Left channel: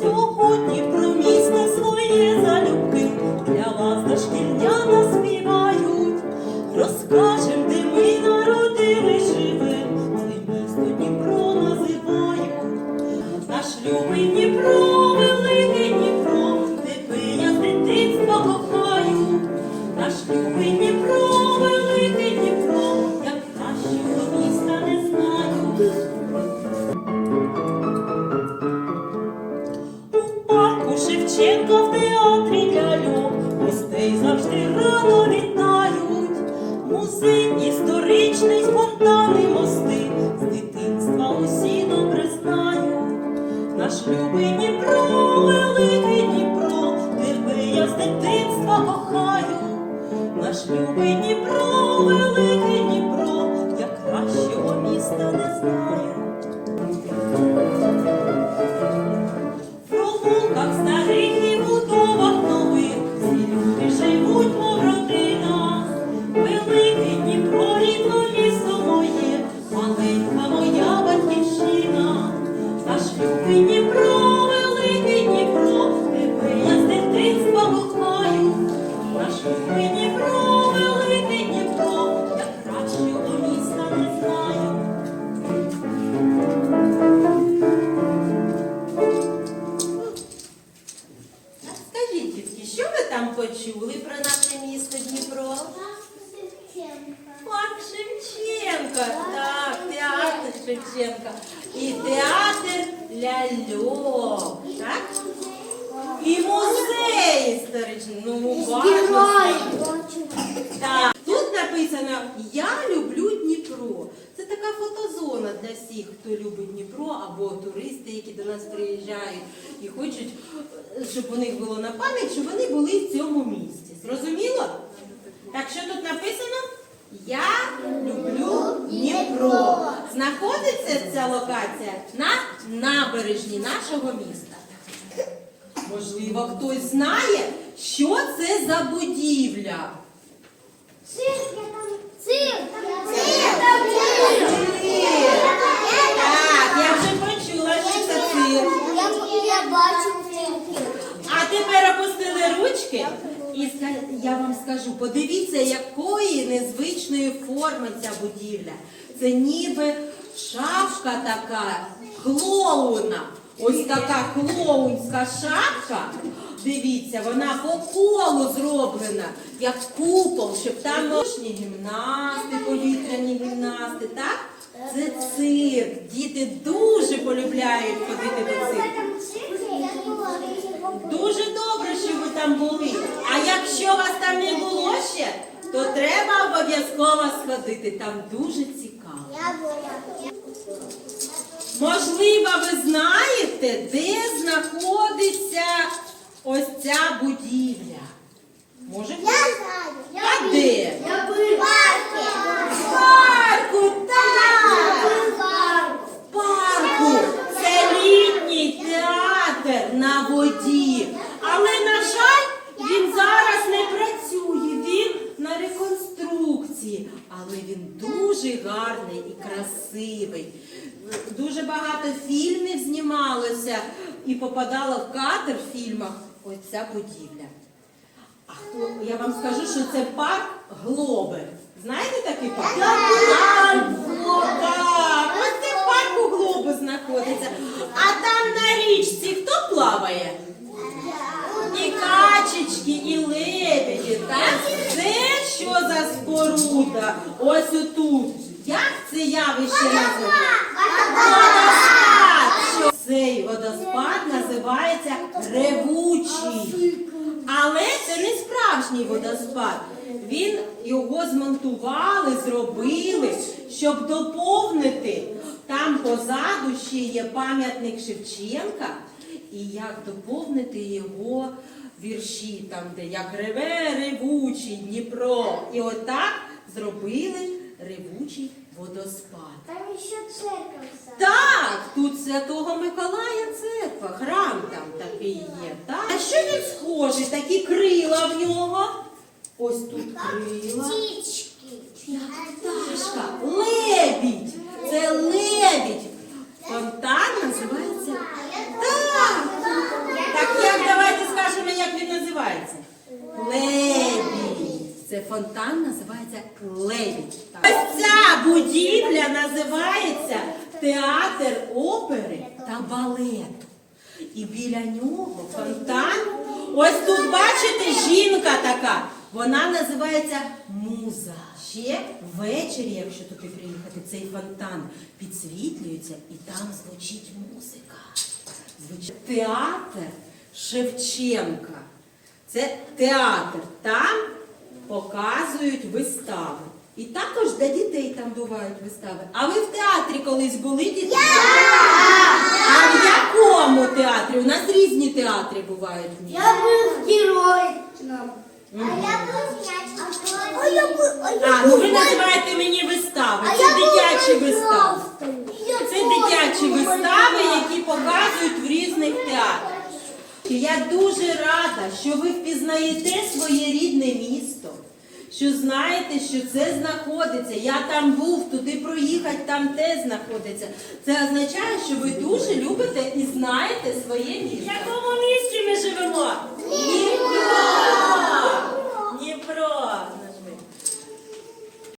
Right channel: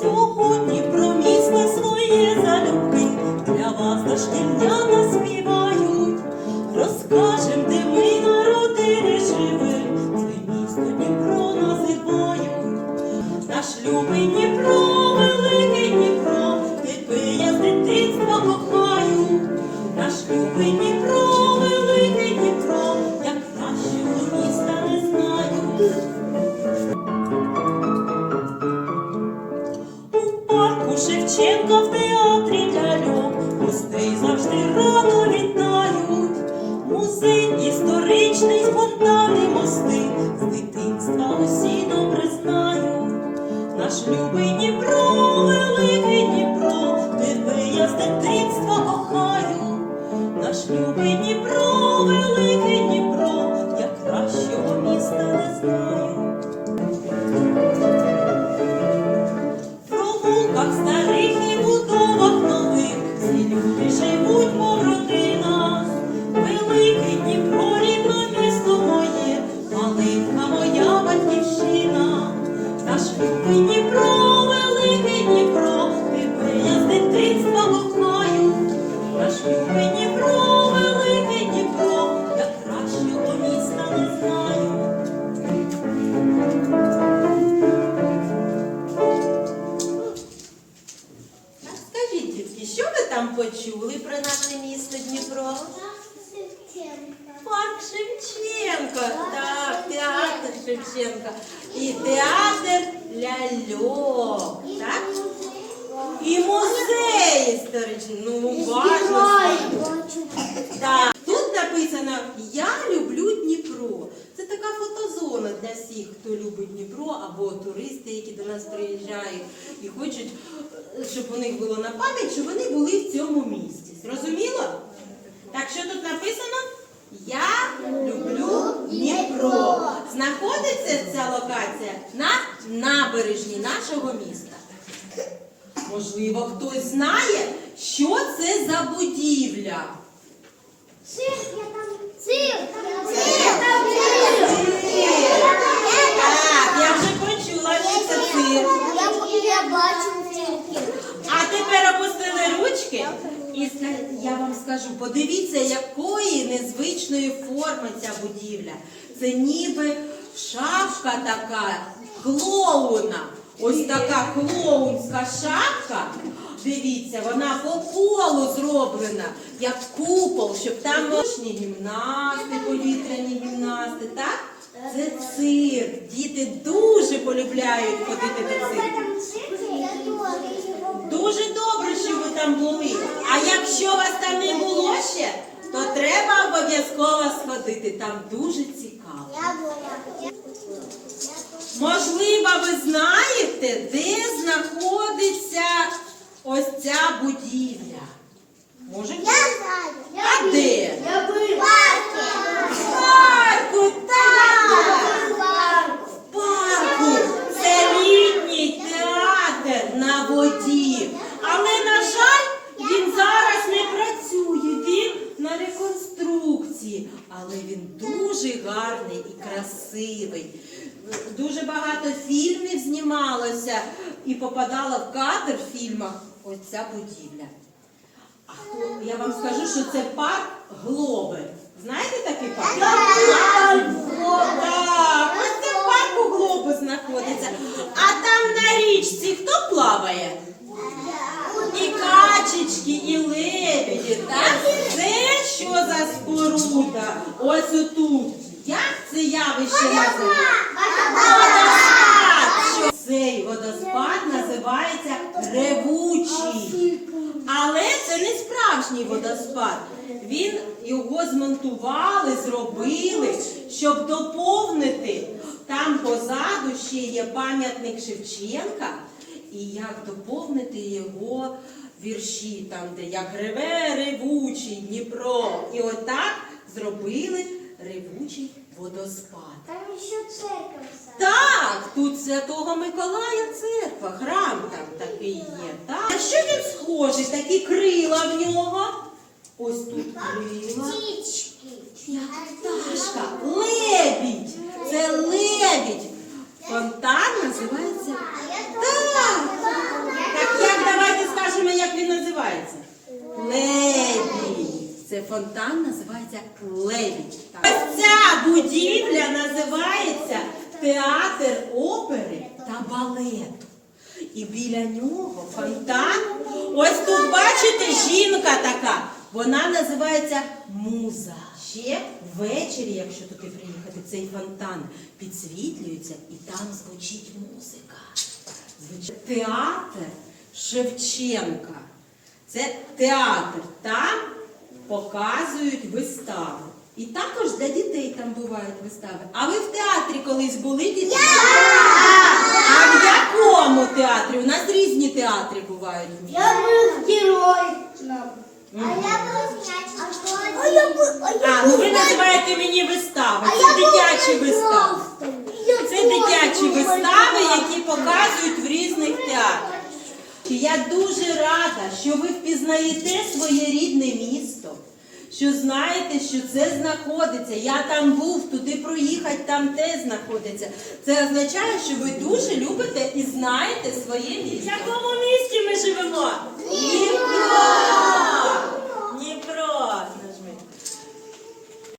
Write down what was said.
Сьогодні про місто своє залюбки. Для вас дошкільняна Oh, my God. Почули про наше місто Дніпро? Парк Шевченко, так, театр Шевченка. І театр ляльок, так? І музей історичний. Ну, уважно. Так. Тут написано Я люблю Дніпро. Це така фотозона для всіх, хто любить Дніпро, або туристи, які до нас приїжджають і хочуть, щоб у них було на пам'ять, що вони були в цьому місті. Зрозуміло? Так що тут написано? Я люблю Дніпро. Знаходиться ця локація на набережні нашого міста. Можливо, хтось знає, що це за будівля. Так, я вже почула, що це цирк. Я бачу тепер опустили ручки і я вам скажу, подивіться, якої незвичної форми ця будівля. Це ніби шапка така клоуна. Ось така клоунська шапка. Дивіться, вона по колу зроблена, як купол, щоб там ножні гімнасти, повітряні гімнасти, так? Це цирк. Діти дуже полюбляють ходити до цирку. Дуже добре, що ви там були. А якщо вас там не було ще, то треба обов'язково сходити. Там дуже цікаво. Я була. Можливо, ви знаєте, де знаходиться ось ця будівля? Може, Я знаю. а де? Я була. В парку, так! В парку. Це літній театр на воді. Але, на жаль, він зараз не працює. Він на реконструкції. Але він дуже гарний і красивий. Дуже багато фільмів знімалося і попадала в кадр в фільмах ось ця будівля. А хто- я вам скажу, що це парк Глобер. Знаєте такий парк? Так, так, ось це в парку Глобус знаходиться. А там на річці хто плаває? І качечки, і лебеді, так? Це що за споруда? Ось отут. Як це явище називається? Водоспад! Що цей водоспад називається ревучий. Але це не справжній водоспад. Він його змонтували, зробили, щоб доповнити. Там позаду ще є пам'ятник Шевченка, і як доповнити його вірші, там, де як реве ревучий Дніпро. І отак зробили ревучий водоспад. Там ще церковь. Так, тут Святого Миколая церква, храм там такий є. Так. А що він схожий? Такі крила в нього. Ось тут крила. Пташка. Лебідь. Це лебідь. Фонтан називається. Так. Так як давайте скажемо, як він називається. Лебідь. Це фонтан називається лебідь. Ось ця будівля називається театр опери та балету. І біля нього фонтан. Ось тут, бачите, жінка така. Вона називається муза. Ще ввечері, якщо туди приїхати, цей фонтан підсвітлюється і там звучить музика. Звичайно, Театр Шевченка. Це театр. Там показують вистави. І також для дітей там бувають вистави. А ви в театрі колись були діти? А в якому театрі? У нас різні театри бувають в місті. був герой. А ну ви називаєте мені вистави. Це дитячі вистави. Це дитячі вистави, які показують в різних театрах. І Я дуже рада, що ви впізнаєте своє рідне місто, що знаєте, що це знаходиться. Я там був, туди проїхати, там те знаходиться. Це означає, що ви дуже любите і знаєте своє місто. В якому місті ми живемо? Ні,